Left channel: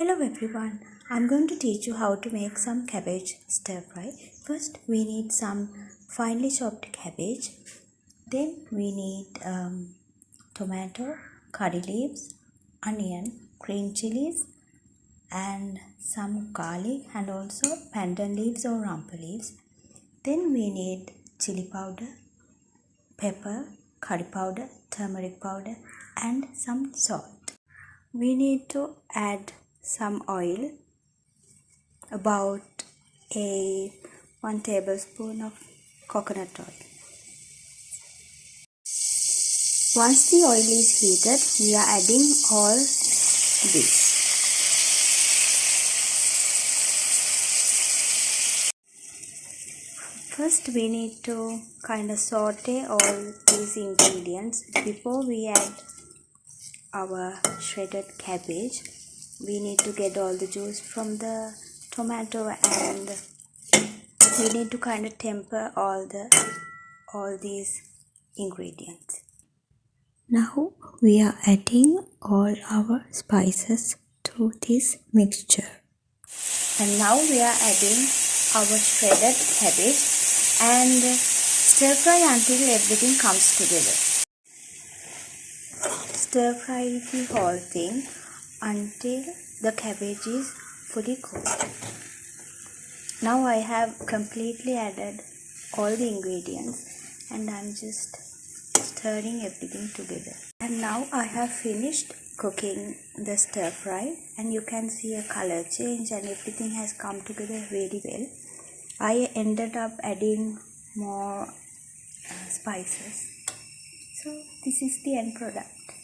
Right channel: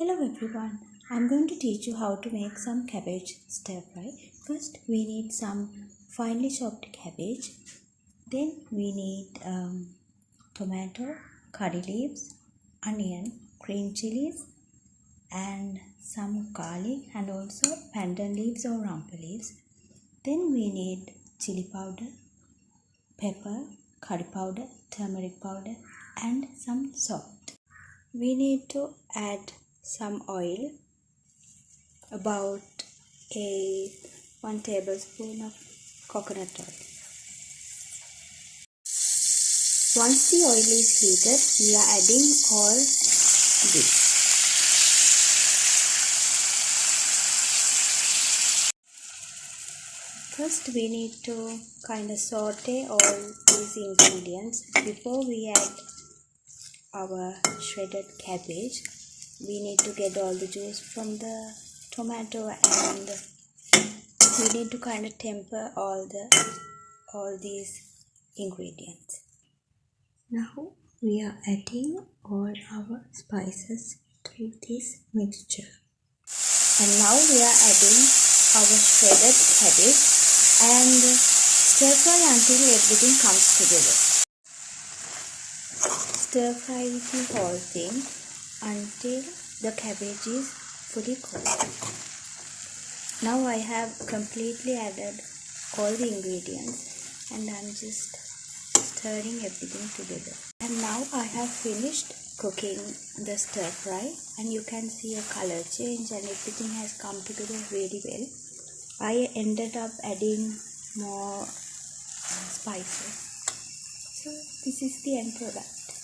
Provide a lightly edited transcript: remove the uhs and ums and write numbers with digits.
Hello everyone, I'm going to teach you how to make some cabbage stir fry. First we need some finely chopped cabbage. Then we need tomato, curry leaves, onion, green chilies and some garlic and also pandan leaves or rampa leaves. Then we need chili powder, pepper, curry powder, turmeric powder and some salt. We need to add some oil, about 1 tablespoon of coconut oil. Once the oil is heated, we are adding all this. First we need to kind of saute all these ingredients before we add our shredded cabbage. We need to get all the juice from the tomato and we need to kind of temper all these ingredients. Now we are adding all our spices to this mixture. And now we are adding our shredded cabbage and stir fry until everything comes together. Stir fry the whole thing until the cabbage is fully cooked. Now I have completely added all the ingredients and I'm just stirring everything together. And now I have finished cooking the stir fry and you can see a color change and everything has come together really well. I ended up adding more spices. So this is the end product.